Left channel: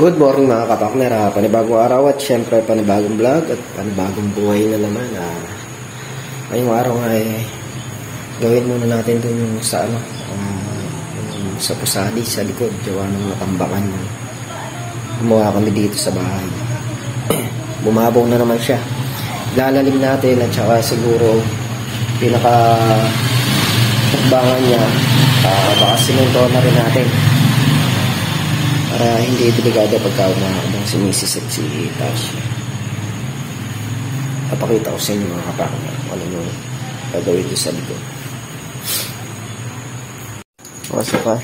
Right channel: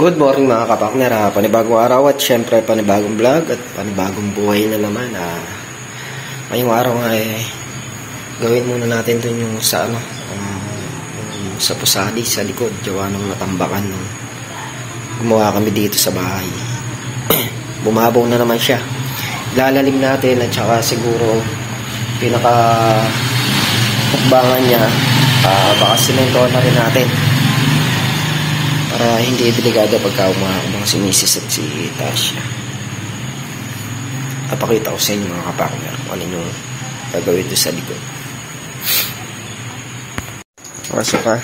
Good morning mga kapakner, panibagong araw at syempre panibagong vlog at panibagong buhay na naman. Ngayong araw ay gawin muna natin dun yung sa yung sa pusadi sa likod, gawa ng matambakan. Gumawa kami dito sa bahay. Bumabaw na naman siya. Lalalim natin at saka siguro pinaka hukbangan niya, baka simentohan na rin natin para hindi delikado pagka umakabang si Mrs. at si Tasha. Napakita ko sa inyo mga kapakner kung ano yung gagawin doon sa likod. Pasok ka.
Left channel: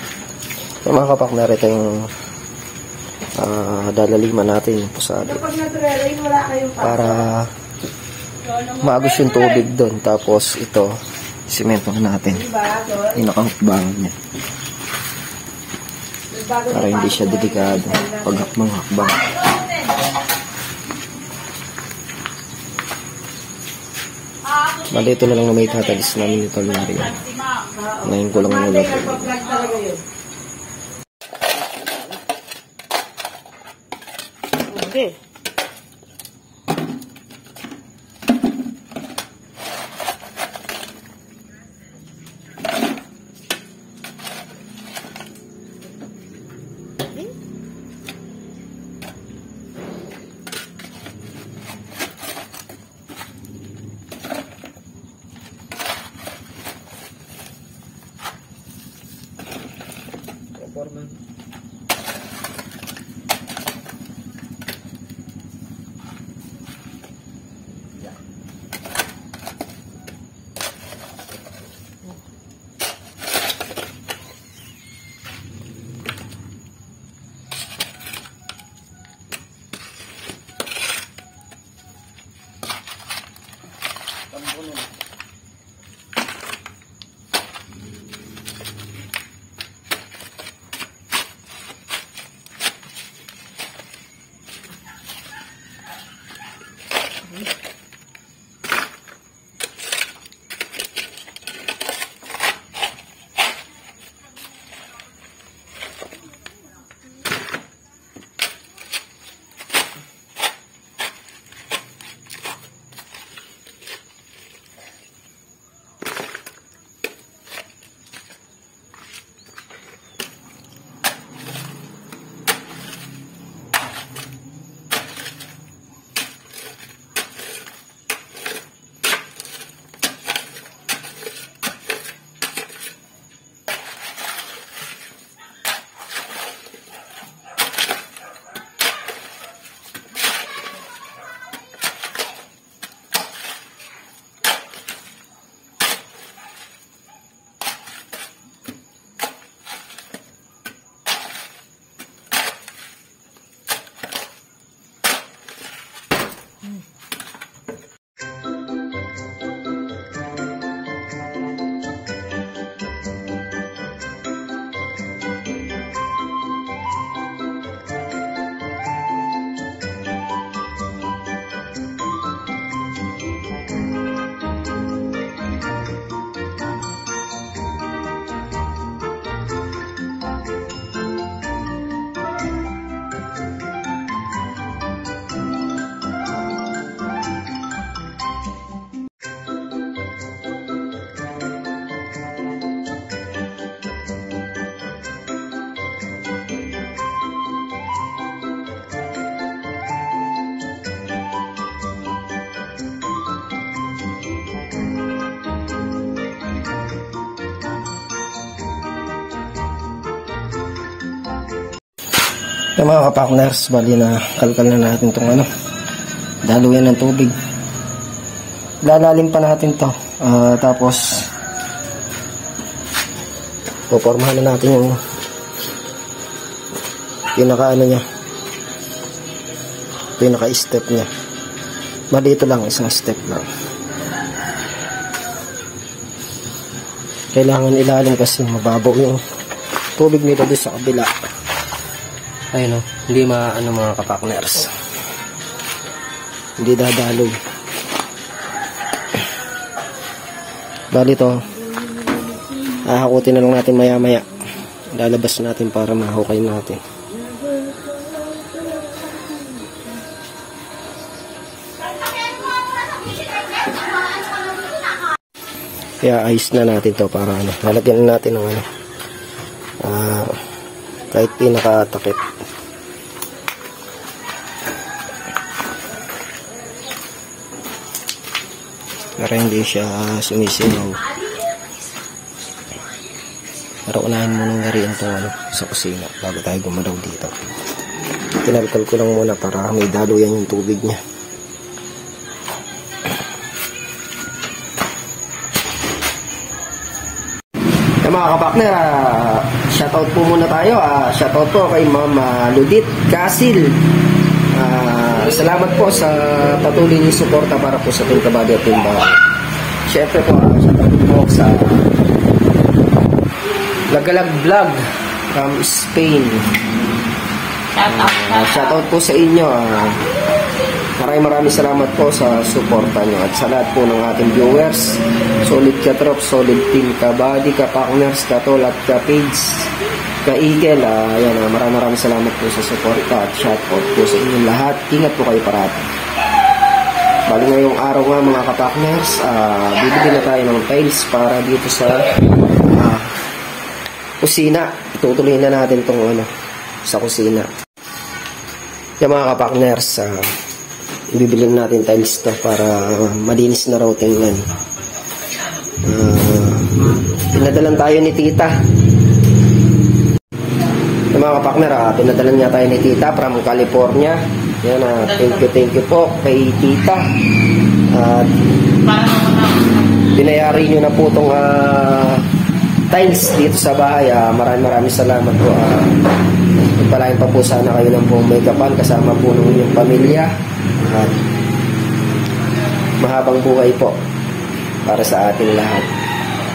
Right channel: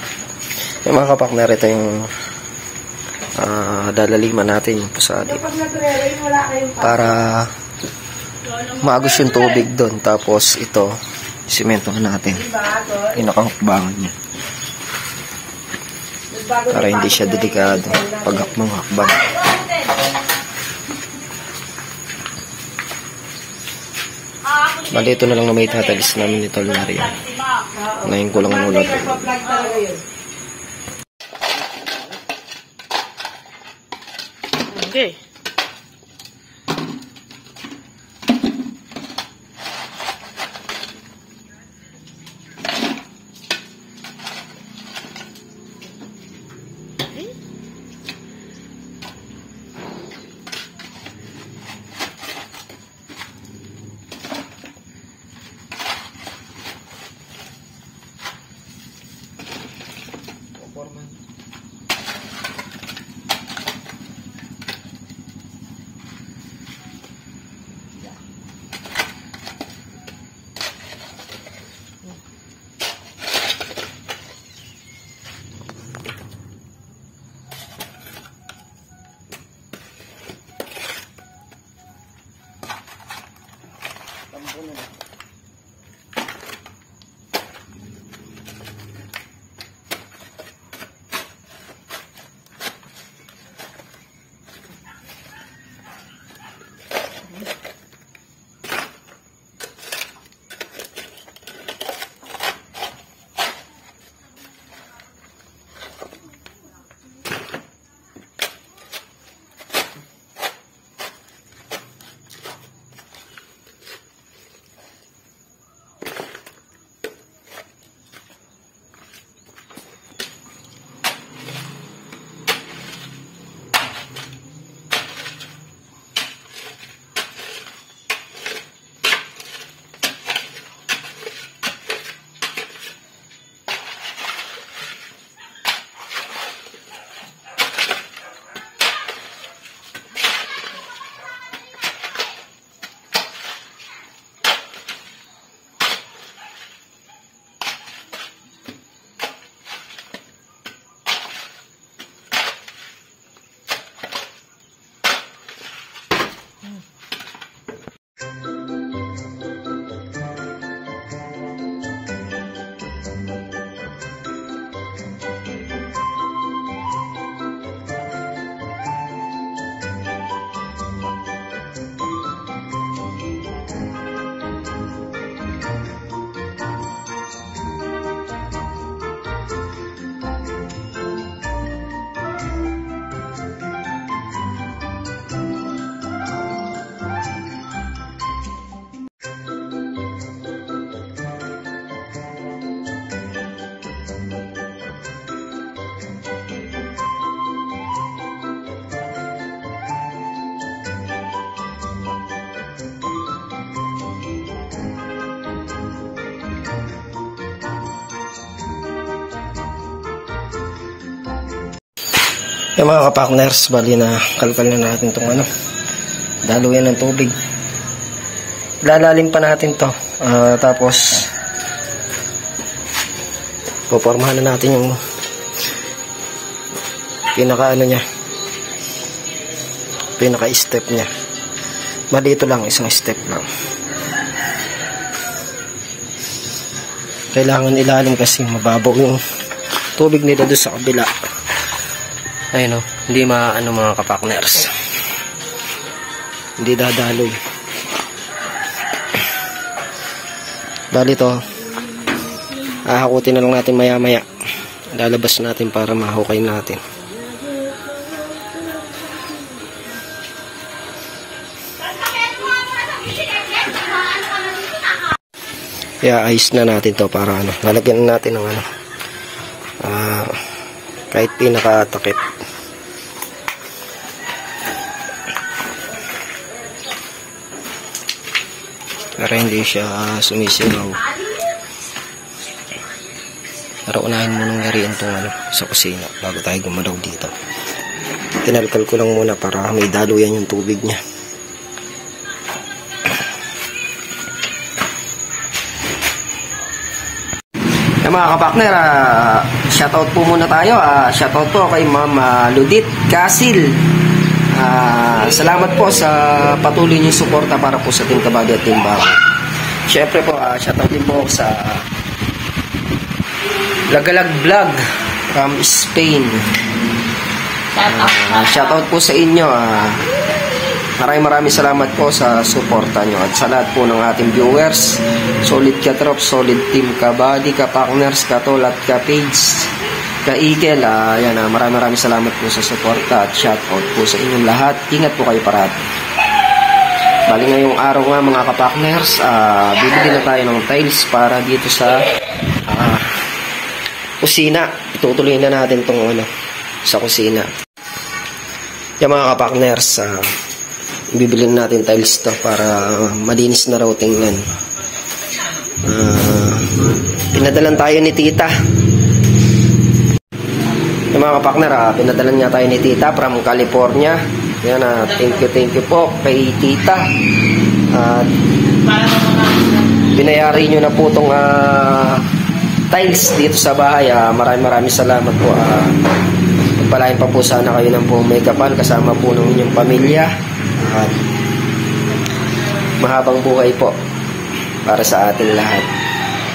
Yung mga kapakner, ito yung dalaliman natin yung pusadi para maagos yung tubig doon. Tapos ito simentohan natin yung nakahukbangan niya para hindi siya delikado pag hakbang. Bali, ito na lang na may tatalis namin ni Tol Narian. Ngayon ko lang ulat. Okay. Yung mga kapakners, bali na kalkal na natin itong daluyan ng tubig. Lalalim pa natin to. Tapos popormahan na natin yung pinaka step nya. Bali ito lang, isang step lang. Kailangan ilalim kasi mababaw yung tubig nila doon sa kabila. Ayun hindi maano mga kapakners. Hindi dadaloy. Bali to, hahakutin na lang natin maya maya. Lalabas natin para mahukay natin. ayos na natin to para ano, lalagyan natin ng ano, kahit pinakatakip. Para hindi siya sumisilaw. Para unahin mo nang yariin itong ano, sa kusina bago tayo gumalaw dito. Kinalkal ko lang muna para may daluyan yung tubig niya. Mga kapakner, shoutout po muna tayo. Shoutout po kay Ma'am Ludit Casil. Salamat po sa patuloy niyong suporta para po sa Team Kabady at Team Bago. Siyempre po, shoutout din po sa Lagalag Vlog from Spain. Shoutout po sa inyo. Maraming salamat po sa suporta nyo at sa lahat po ng ating viewers. Solid ka trop, solid Team Kabady, ka-partners, ka-tol at ka-page, ka-eagle. Maraming salamat po sa suporta at shoutout po sa inyong lahat. Ingat po kayo parati. Bali ngayong araw nga mga ka-partners, bibili na tayo ng tiles para dito sa kusina. Itutuloy na natin itong ano, sa kusina. Yung mga ka-partners, bibilin natin tiles to para malinis na raw tingnan. Pinadalan tayo ni tita. Yung mga kapakner, pinadalan niya tayo ni tita from California. Yan, thank you po kay tita. Binayari nyo na po itong tiles dito sa bahay. Maraming salamat po. Pagpalain pa po sana kayo ng buong may kapal kasama po ng inyong pamilya. At mahabang buhay po para sa ating lahat.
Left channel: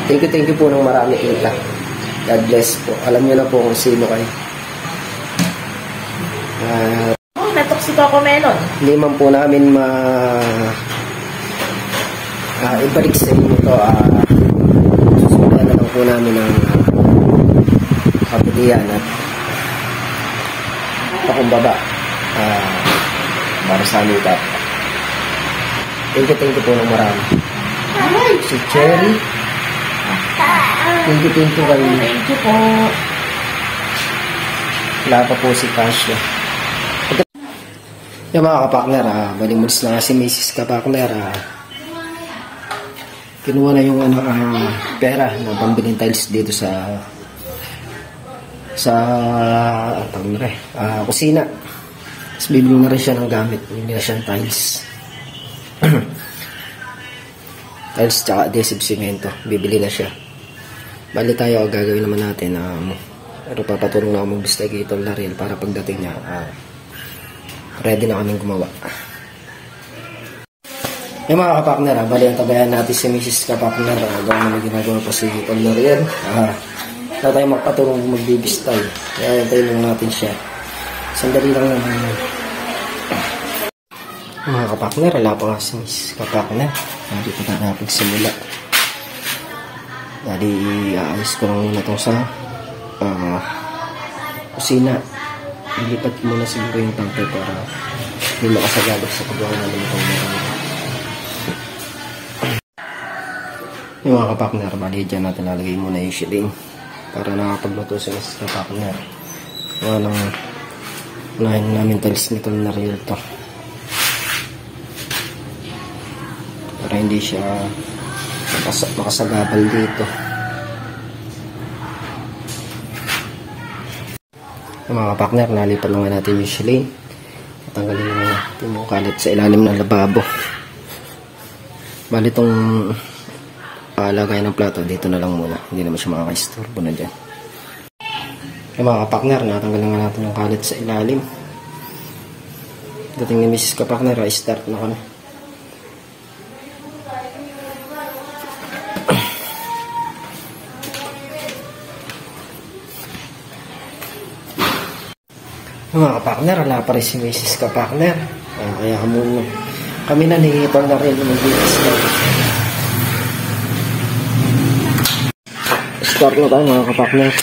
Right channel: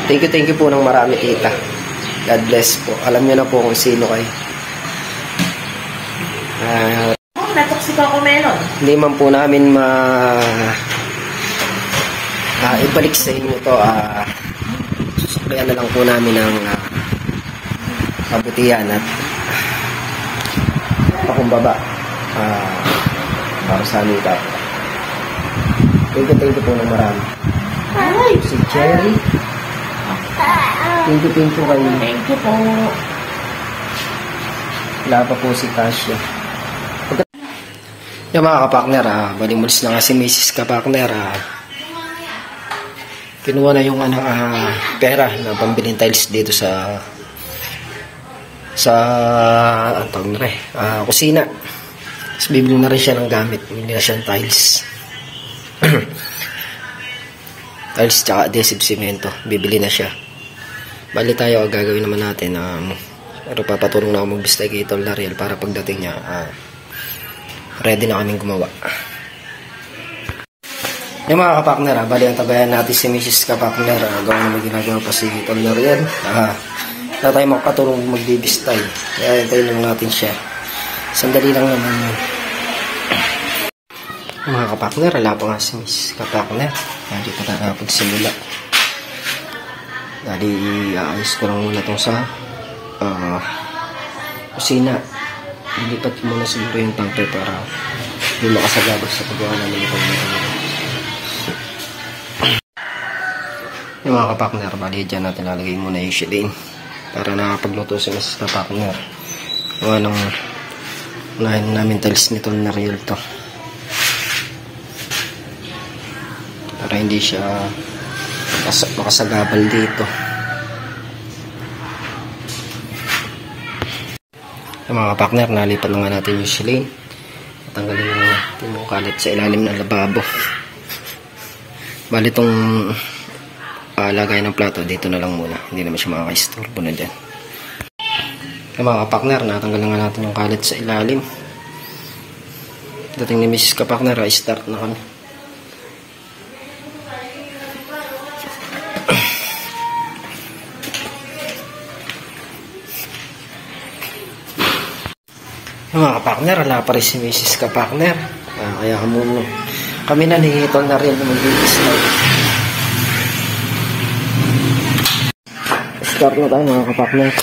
Thank you po ng marami tita. God bless po. Alam niyo na po kung sino kayo. Natoksiko ako melon. Hindi man po namin ibalik sa inyo to. Susukayan na lang po namin ng kabutihan at pakumbaba para sa amin tap. Thank you po ng marami. Si Cherry. Thank you kayo. Thank you po. Wala pa po si Tasha. Yung mga kapakner, balimulis na nga si Mrs. Kapakner. Kinuha na yung pera na pambiling tiles dito sa kusina. Tapos bibili na rin siya ng gamit. Bibili na siya ng tiles. Tiles tsaka adhesive cemento. Bibili na siya. Bali tayo, gagawin naman natin. Pero papatulong na ako mag-bistay kay Tol Lariel para pagdating niya, ready na kaming gumawa. Yung mga kapakner, bali ang tabayan natin si Mrs. Kapakner. Gawin na may ginagawa pa si Tol Lariel. Na tayo makatulong magbibistay. Kaya hintayin lang natin siya. Sandali lang naman yun. Mga kapakner, wala pa nga si Miss Kapakner. Hindi pa tayo nakapagsimula. Dali, iayos ko lang muna itong sa kusina. Ilipat muna siguro yung tangke para hindi makasagabag sa paggawa namin itong meron. Yung mga kapakner, bali dyan natin lalagay muna yung shilling para nakapagluto si Miss Kapakner. Unahin namin tiles nito na real to para hindi siya makasagabal dito. Yung mga partner, nalipat na nga natin yung silane. Tanggalin na natin yung kalit sa ilalim ng lababo. Bali itong lagay ng plato dito na lang muna, hindi naman siya makaka-istorbo na dyan. Mga kapakner, natanggal na nga natin yung kalit sa ilalim. Dating ni Mrs. Kapakner, start na kami. Mga kapakner, wala pa rin si Mrs. Kapakner. Kaya kami na ni Tol na rin na magbibis na. Start na tayo mga kapakner.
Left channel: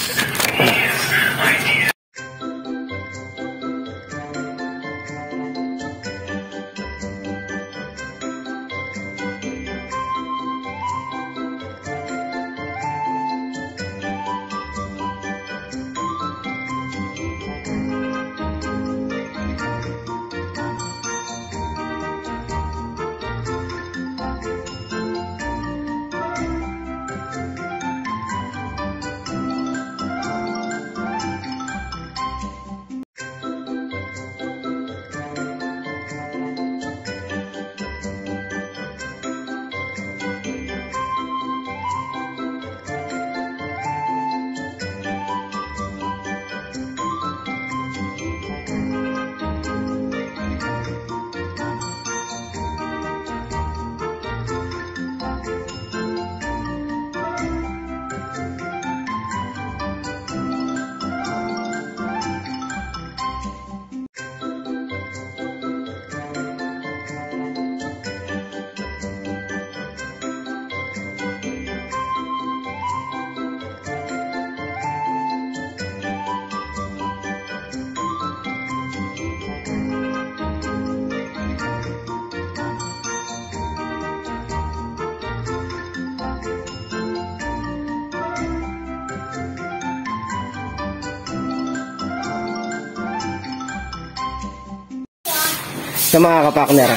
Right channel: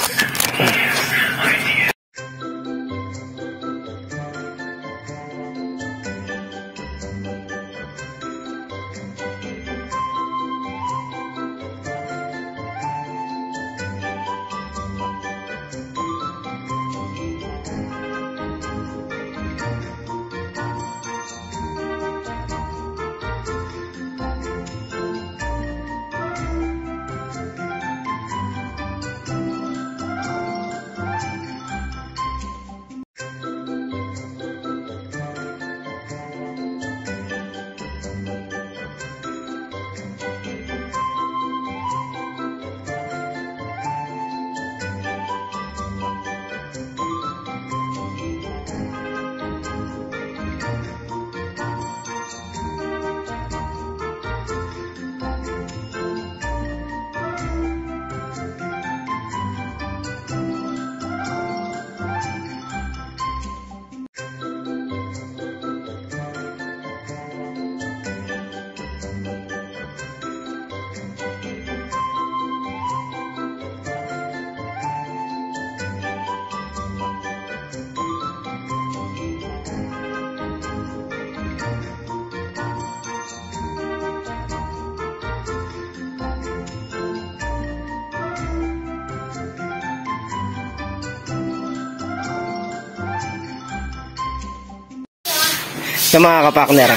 Yung mga kapakner,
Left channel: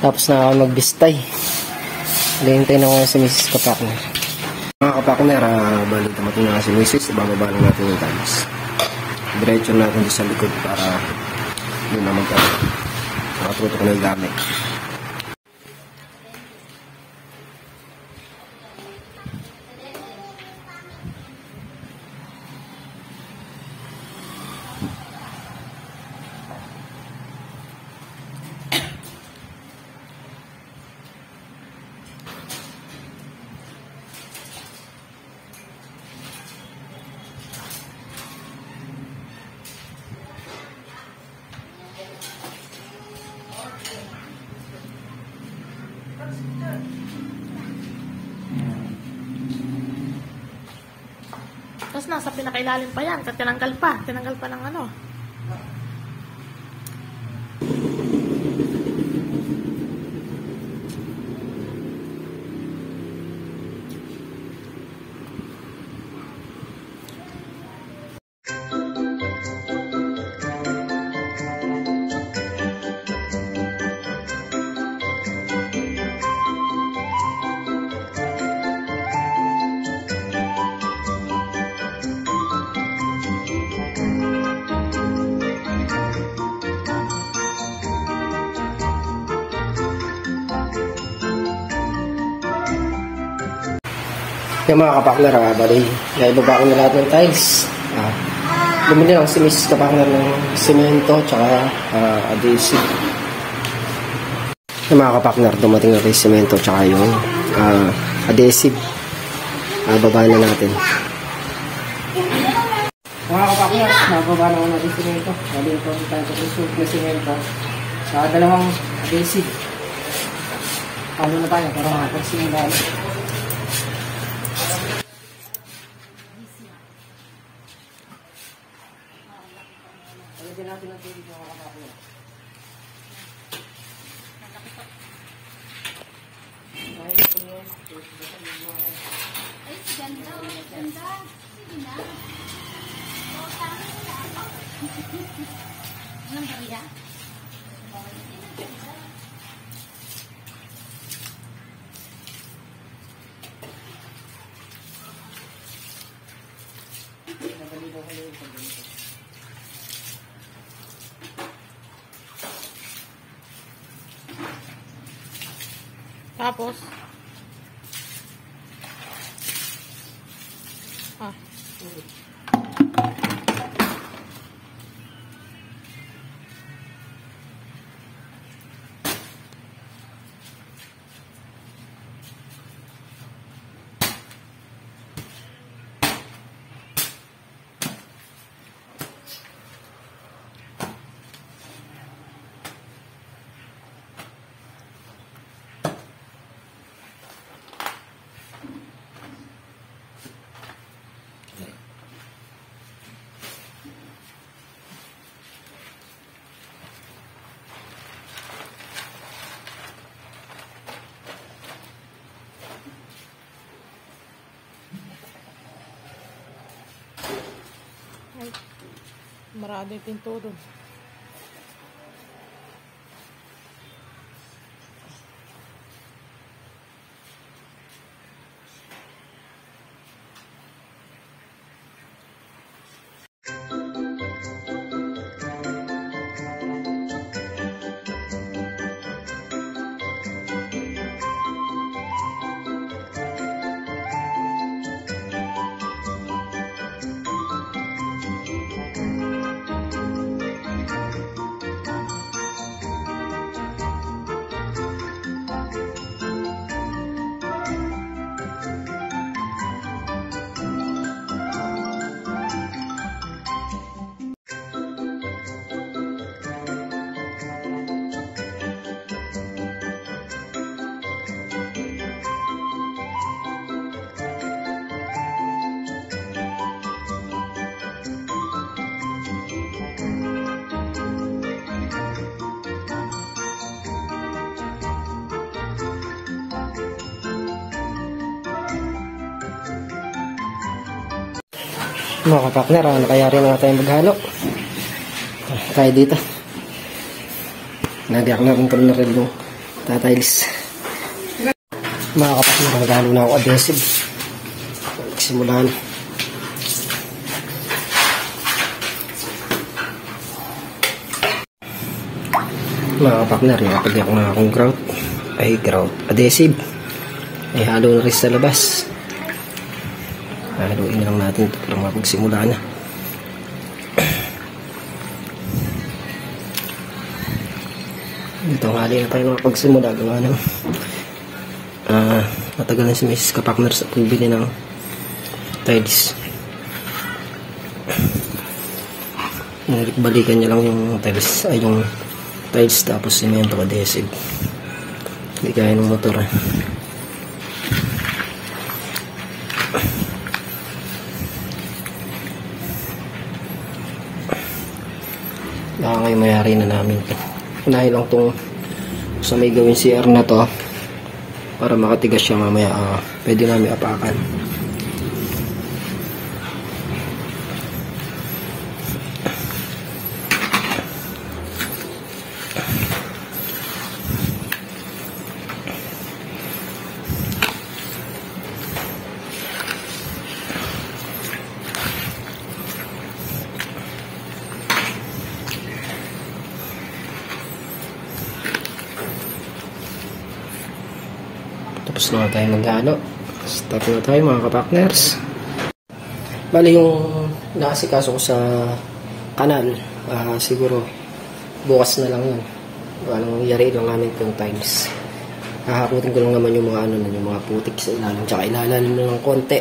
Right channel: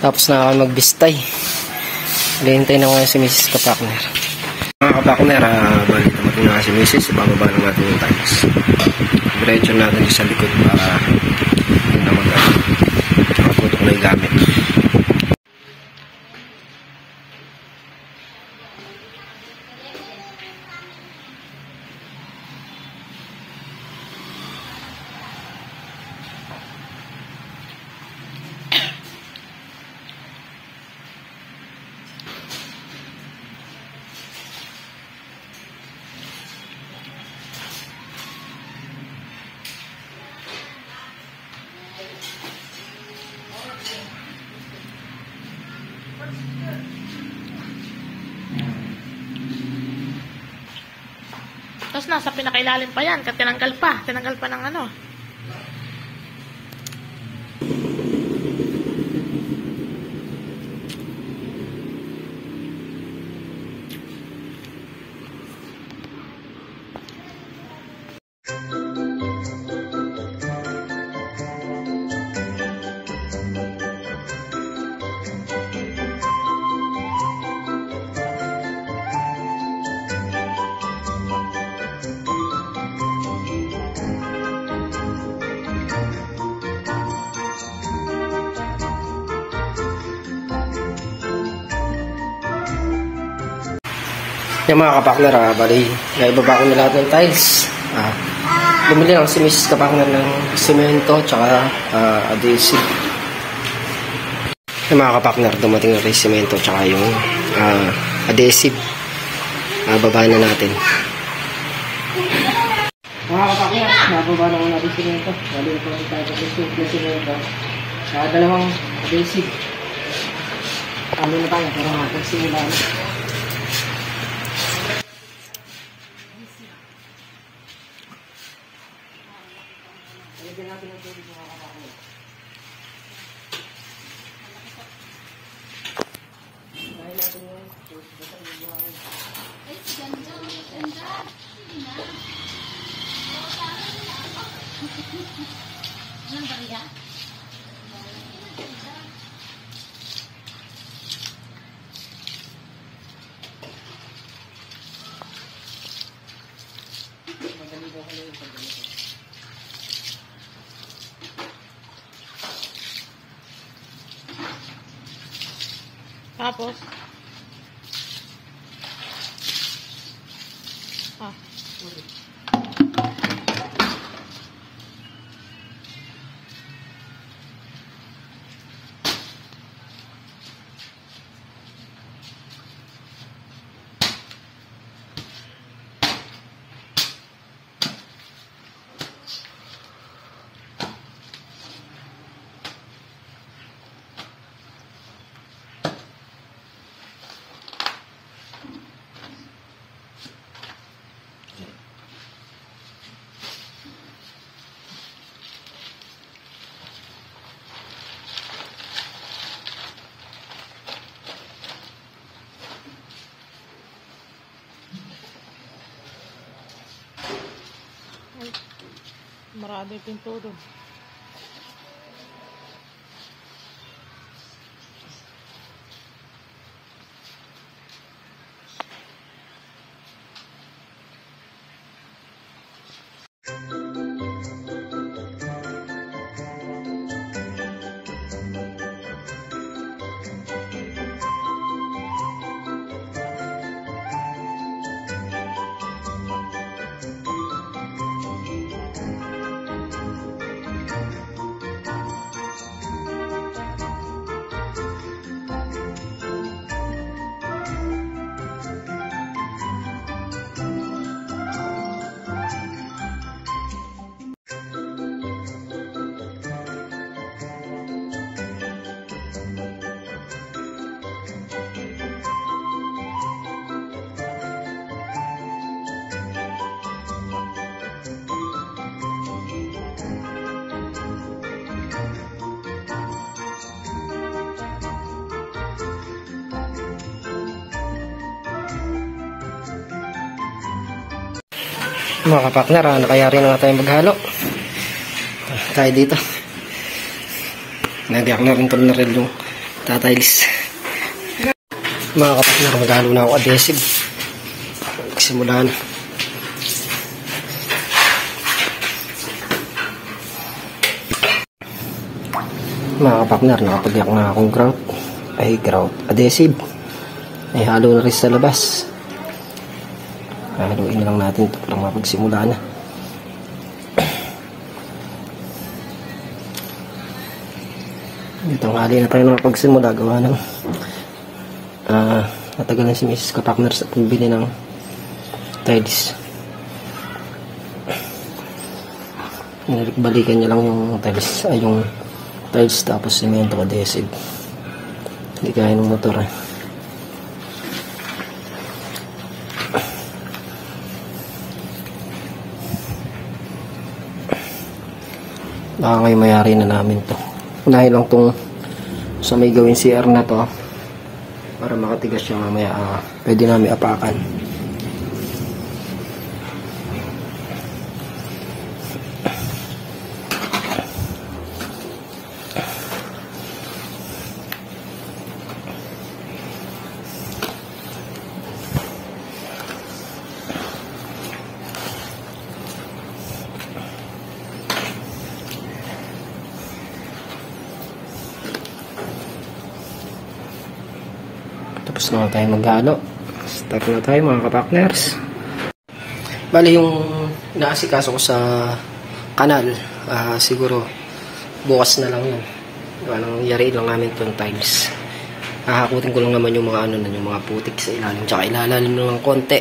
tapos na ako magbistay. Hintay na nga si Mrs. Kapakner. Mga kapakner, bali tumating na si Mrs. Ibababa lang natin yung tiles. Diretso natin sa likod para doon na makaputok na yung gamit. Tapos nasa pinakailalim pa yan. Tinanggal pa. Tinanggal pa ng ano. Yung mga kapakner, bali, naibaba ko na lahat ng tiles. Bumili lang si Mrs. Kapakner ng semento tsaka adhesive. Yung mga kapakner, dumating na rin semento tsaka yung adhesive. Baba na natin. Mga kapakner, nababa na ko natin semento. Bali, ito tayo na semento. Tsaka dalawang adhesive. Ano na tayo, pero makapagsimula na. Lagyan natin ang tubig mga kapakner. Dahil natin yun. Ay, ganda. Ganda. Sige na. Anong bariya? Madali ko kayo yung pagganito. Tapos. Ay, marami pinto doon. Mga kapakner, nakayari na nga tayo maghalo. Tayo dito. Nagayak na rin pala na rin yung tatiles. Mga kapatner, magalo na ako adhesive. Magsimula na. Mga kapatner, nakapagyak na akong grout. Ay, grout adhesive. Ay, halo na rin sa labas. Haluin lang natin ito para mapagsimula na. Ito, hali na tayo ng pagsimula. Gawa ng matagal na si Mrs. Kapakner sa pagbili ng tiles. Balikan niya lang yung tiles, ay yung tiles tapos semento adhesive. Hindi kaya ng motor eh. Baka ngayon mayari na namin to. Unahin lang tong sa may gawin CR na to para makatigas siya mamaya. Pwede namin apakan. Tapos na tayo maghalo. Start na tayo mga kapakners. Bali yung naasikaso ko sa kanal, siguro bukas na lang yun. Walang yari lang namin itong tiles. Hahakutin ko lang naman yung mga yung mga putik sa ilalim. Tsaka ilalalim lang ng konti.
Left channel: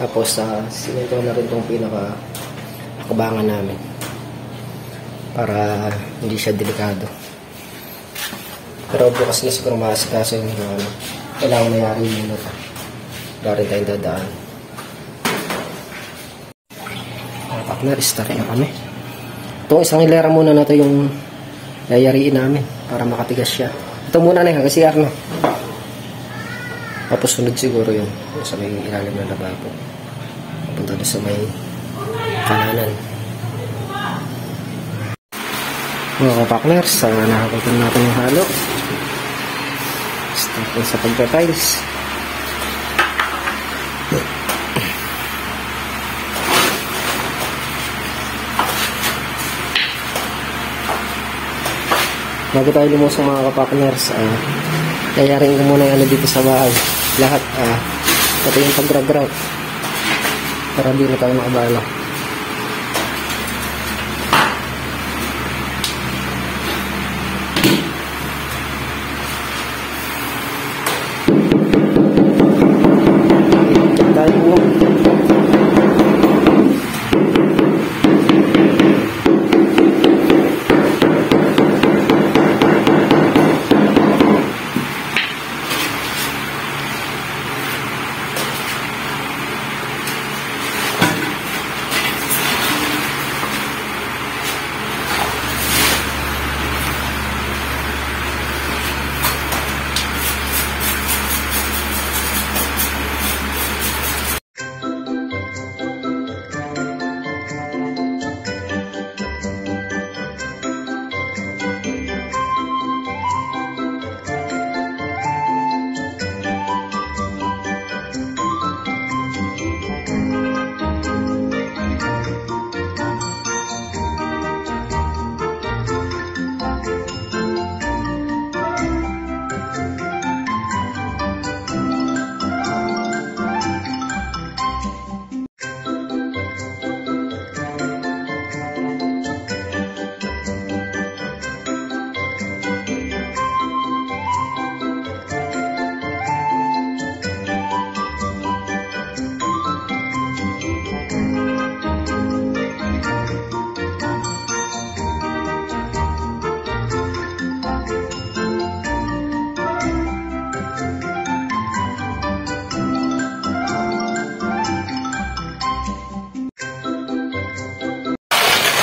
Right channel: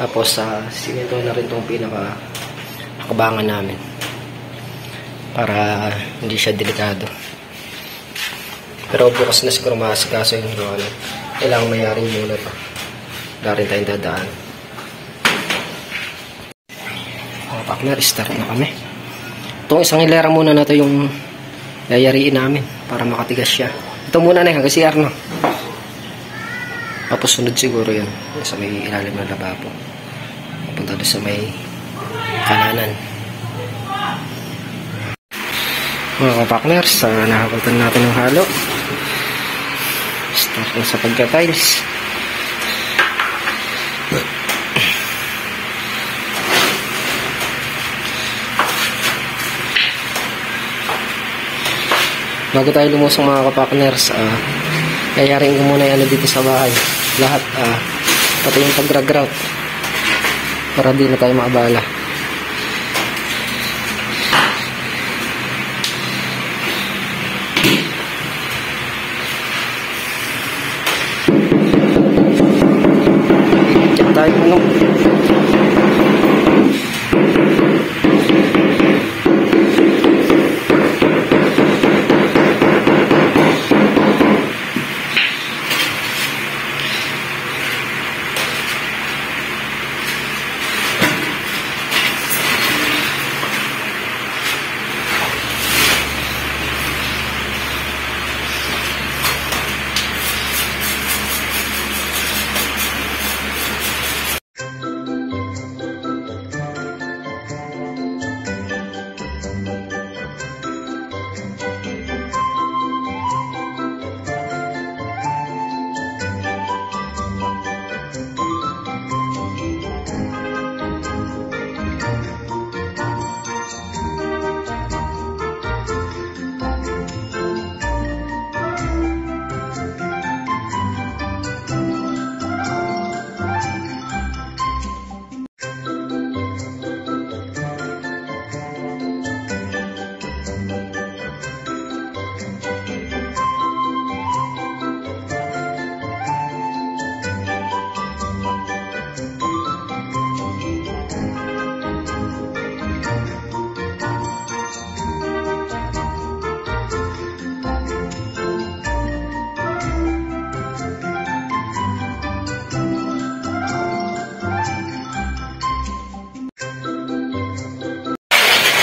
Tapos simento na rin itong pinaka nakabangan namin. Para hindi siya delikado. Pero bukas na siguro maasikaso yung kailangan mayari muna ito. Wala rin tayong dadaan. Mga partner, start na kami. Itong isang hilera muna na ito yung yayariin namin para makatigas siya. Ito muna na hanggang CR no. Tapos sunod siguro yun sa may ilalim ng lababo. Papunta doon sa may kananan. Mga kapakners, nakapuntan natin yung halo. Start sa pagka-tiles. Bago tayo lumusong mga kapakners, yayarin ko muna yung dito sa bahay. Lahat, pati yung pag-grout para di na tayo maabala.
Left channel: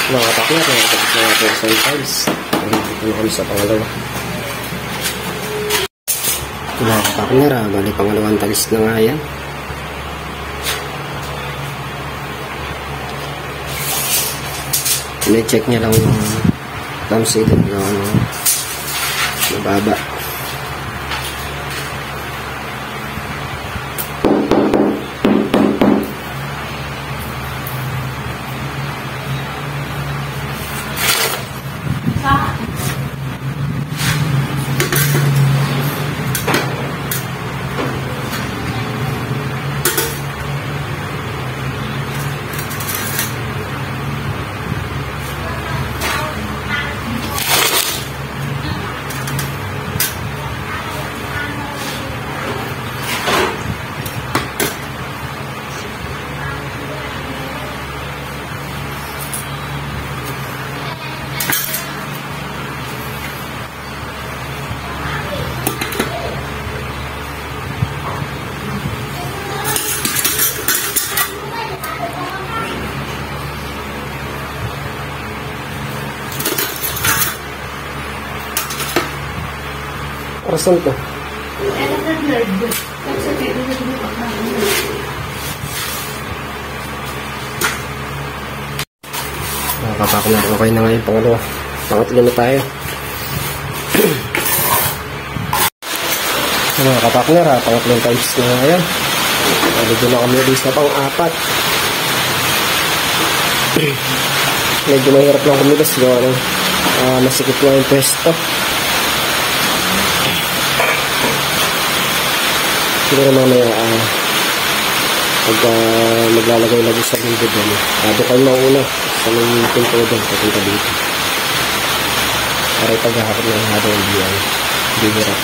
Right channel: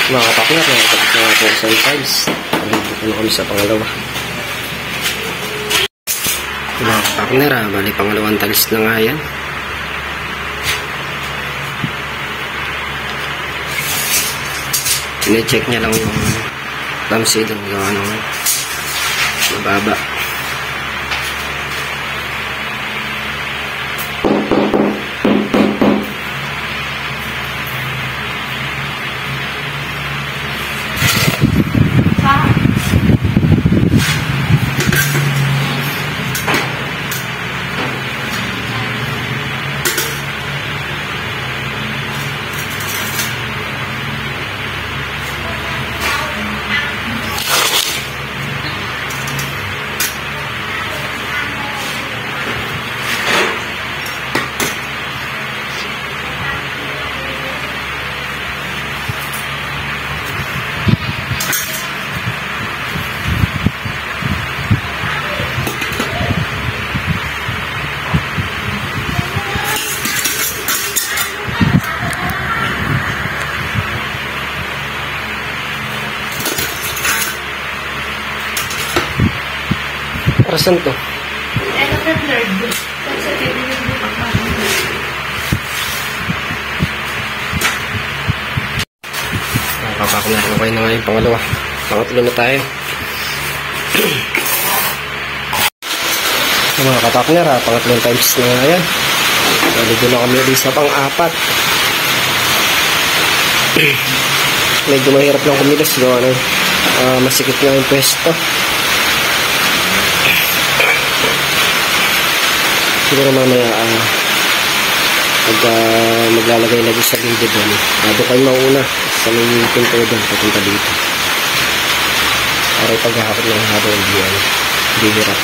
Mga kapakner, nakapagod na natin sa tiles. Nandito na kami sa pangalawa. Mga kapakner, bali pangalawang tiles na nga yan. Sine-check niya lang yung lampshade at gawa ng sa baba. Parasan to? Nakakakulang okay na nga yung pangalawa. Pangatlo na tayo. Mga kapakner, pangatlong times na nga yan. Naligo na kami ulit sa pang-apat. Medyo mahirap lang kumilos. Gawa ng masikip nga yung pwesto. Siguro mamaya pag maglalagay lagi sa lindo doon, doon kayo mauna sa may pinto doon papunta dito para ipaghahakot ng habang hindi hirap.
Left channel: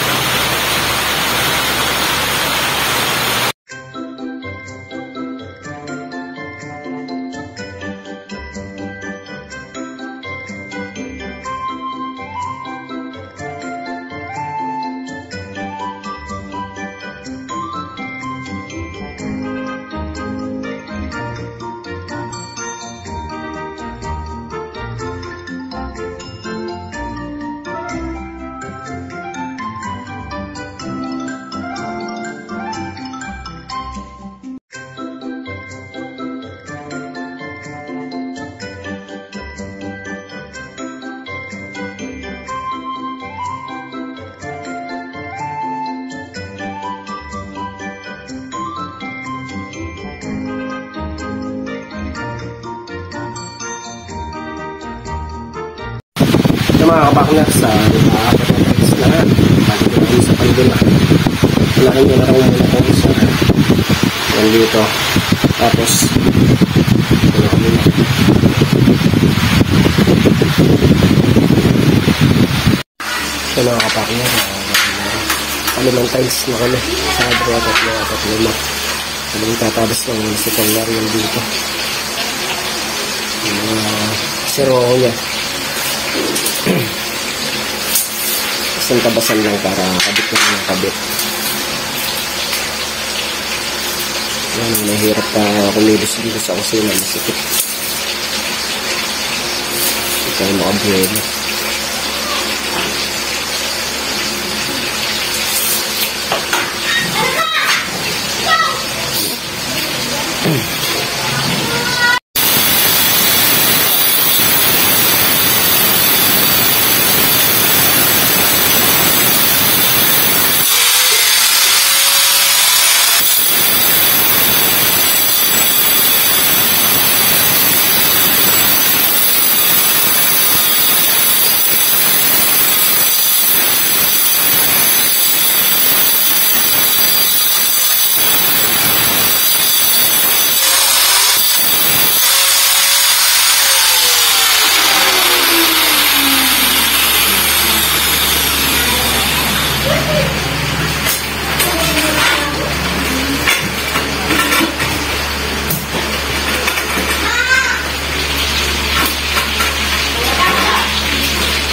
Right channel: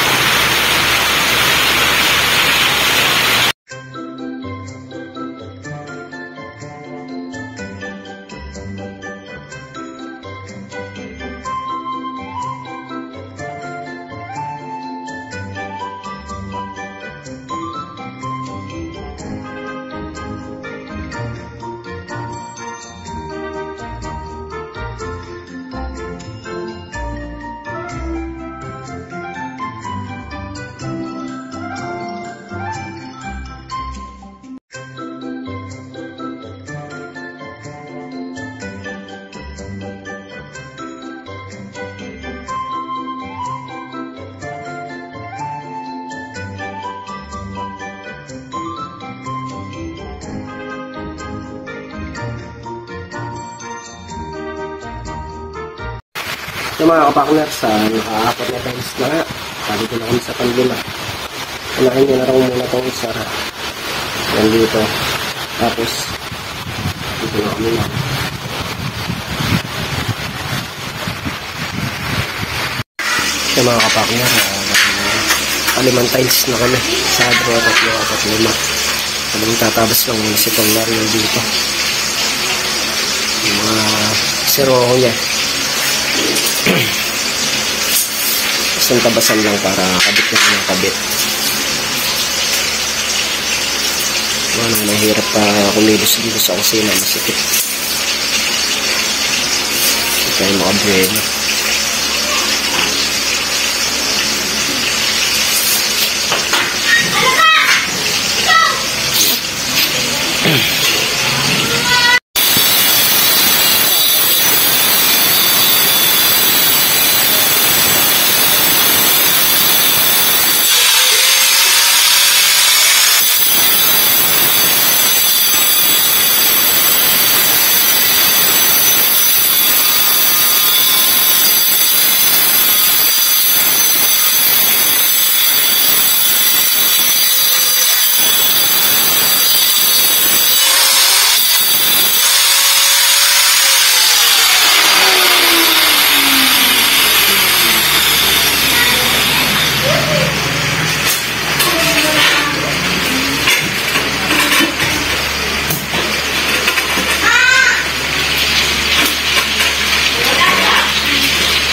Ito mga kapakner, sa apat na times na nga, balik ko na kami sa pandula. Panakin ko na rin muna itong isa. Yan dito. Tapos, ito na kami na. Ito mga kapakner, palimang times na kami. Sa 2, 3, 4, 5. Sabi tatabas lang muna si Tonglarian dito. Yung mga siro ko niya. Isang tabasan lang para kabit na yung kabit. Ano, nahirap pa kumilos dito sa kusina, masikip. Hindi tayo makabrelo.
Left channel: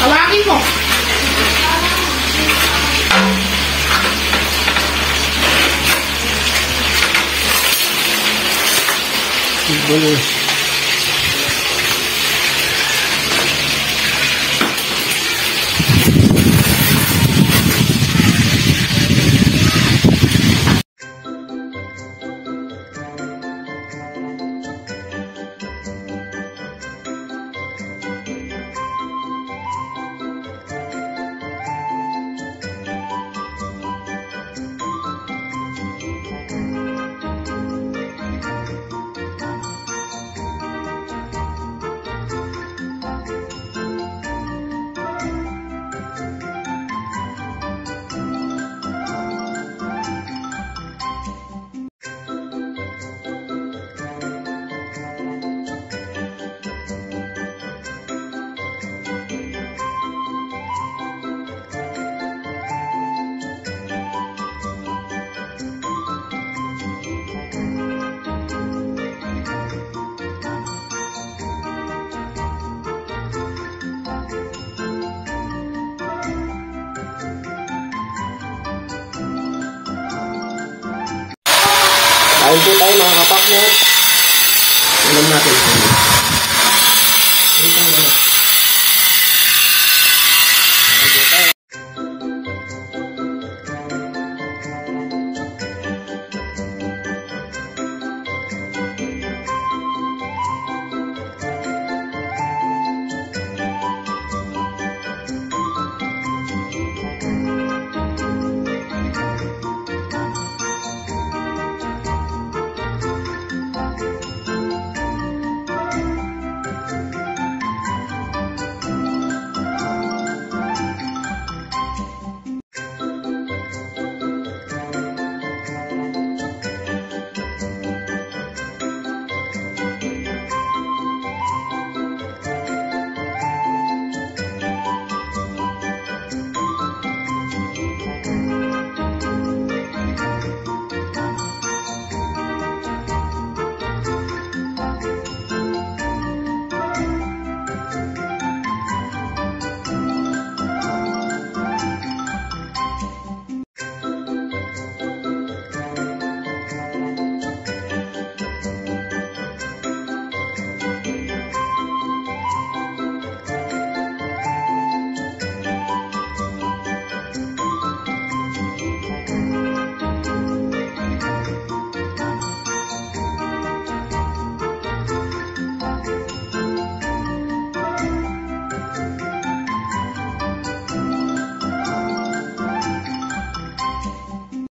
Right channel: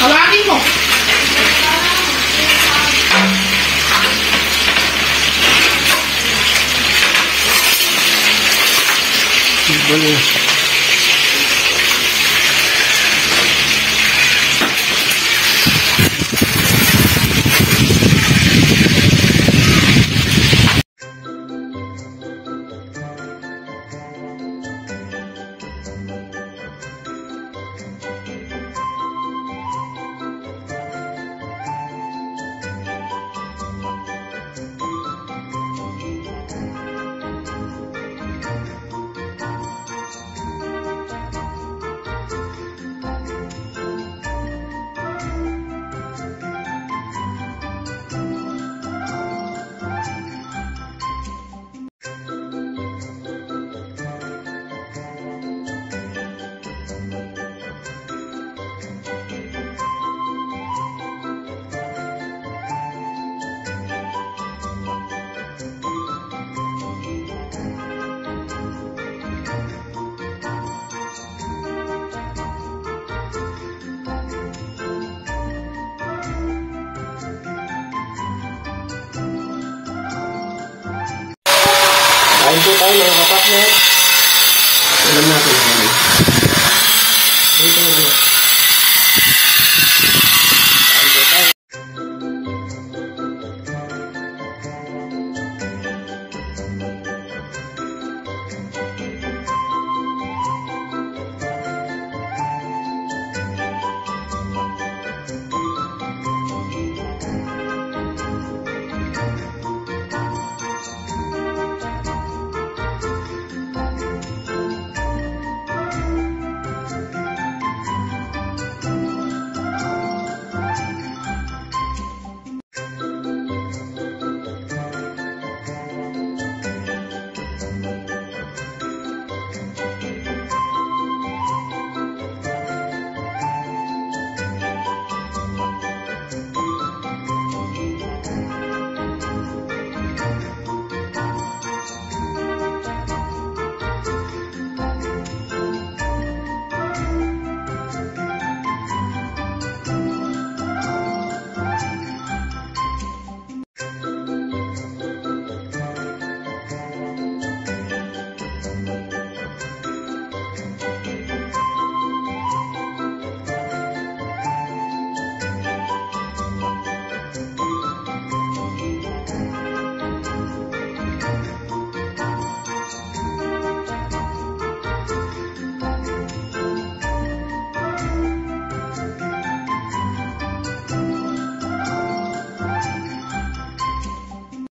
Halangin mo. Boleh. Kain po tayo mga kapakner. Ulam natin. Dito na ano. Kain po tayo.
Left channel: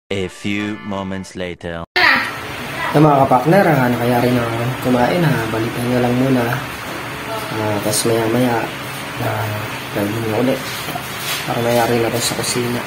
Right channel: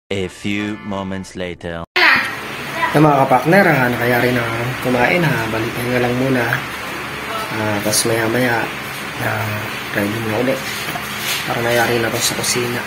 A few moments later. Na mga kapakner, nakayari na kumain ha. Balipahin nga lang muna. Tapos maya maya ready na ulit. Para mayari na to sa kusina.